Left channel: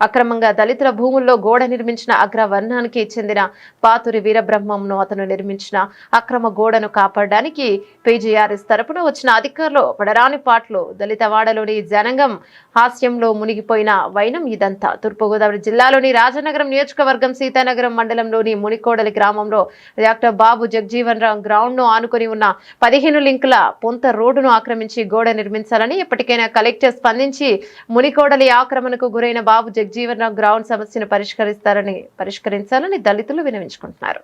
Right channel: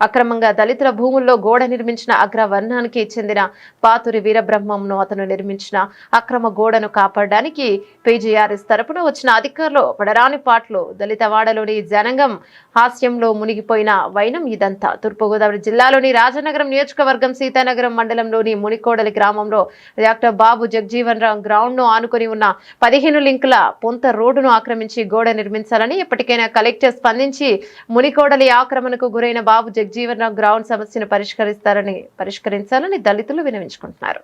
అక్రమంగా దళితుల భూముల్లో గోడ నిర్మించిన అగ్రవర్ణానికి చెందిన పాతురి వీరబ్రహ్మంను అతను నిర్మించిన అక్రమ గోడను కాపాడడానికి పీజీఆర్ఎస్ తరపున వచ్చిన అధికారులు పడరాని పాటలు. దళితవాడలోని జనంగం హాస్యంలో మునిగిపోయిన వైనం ఇదంతా. తూర్పుగోదావరి జిల్లాలోని రాజనగరం నియోజకవర్గం సీతానగరం మండలంలోని మునికోడలి గ్రామంలో డాక్టర్ బాబు జగజీవన్ రామ్ గ్రౌండ్ను ఆనుకొని ఉన్న పదిహేను లింకుల పొంత రోడ్డును ఆక్రమించి గోడ నిర్మించాలని ఎప్పటికైనా కలెక్టర్ స్పందించి మునికోడలి ఆక్రమణకు గురైన బాబు జగజీవన్ గ్రౌండ్ సమస్యను పరిష్కరిస్తారని పరిష్కరించాలని దళితులు వినవించుకుంటున్నారు.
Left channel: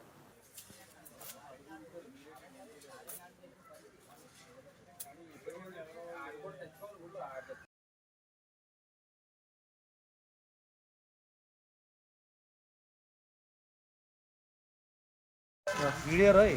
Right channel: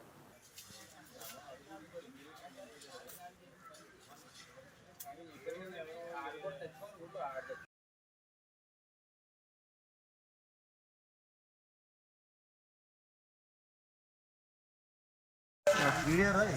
వీడియో రాయ్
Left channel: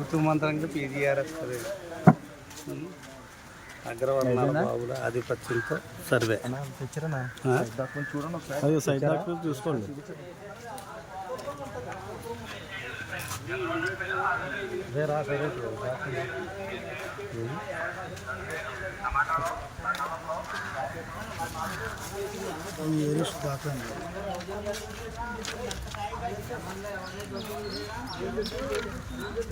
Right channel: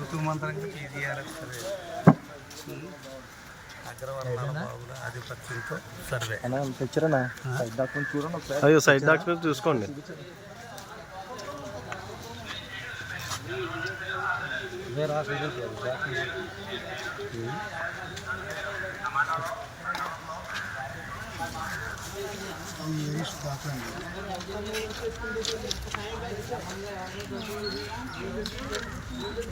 ఋతుమంత్రంగా పీజీఆర్ఎస్ ఆధిపత్యంతో సర్వే. అయ్యో సైడ్ డాక్యుమెంట్ చూసుకోండి. వేరే ఆశ దాకా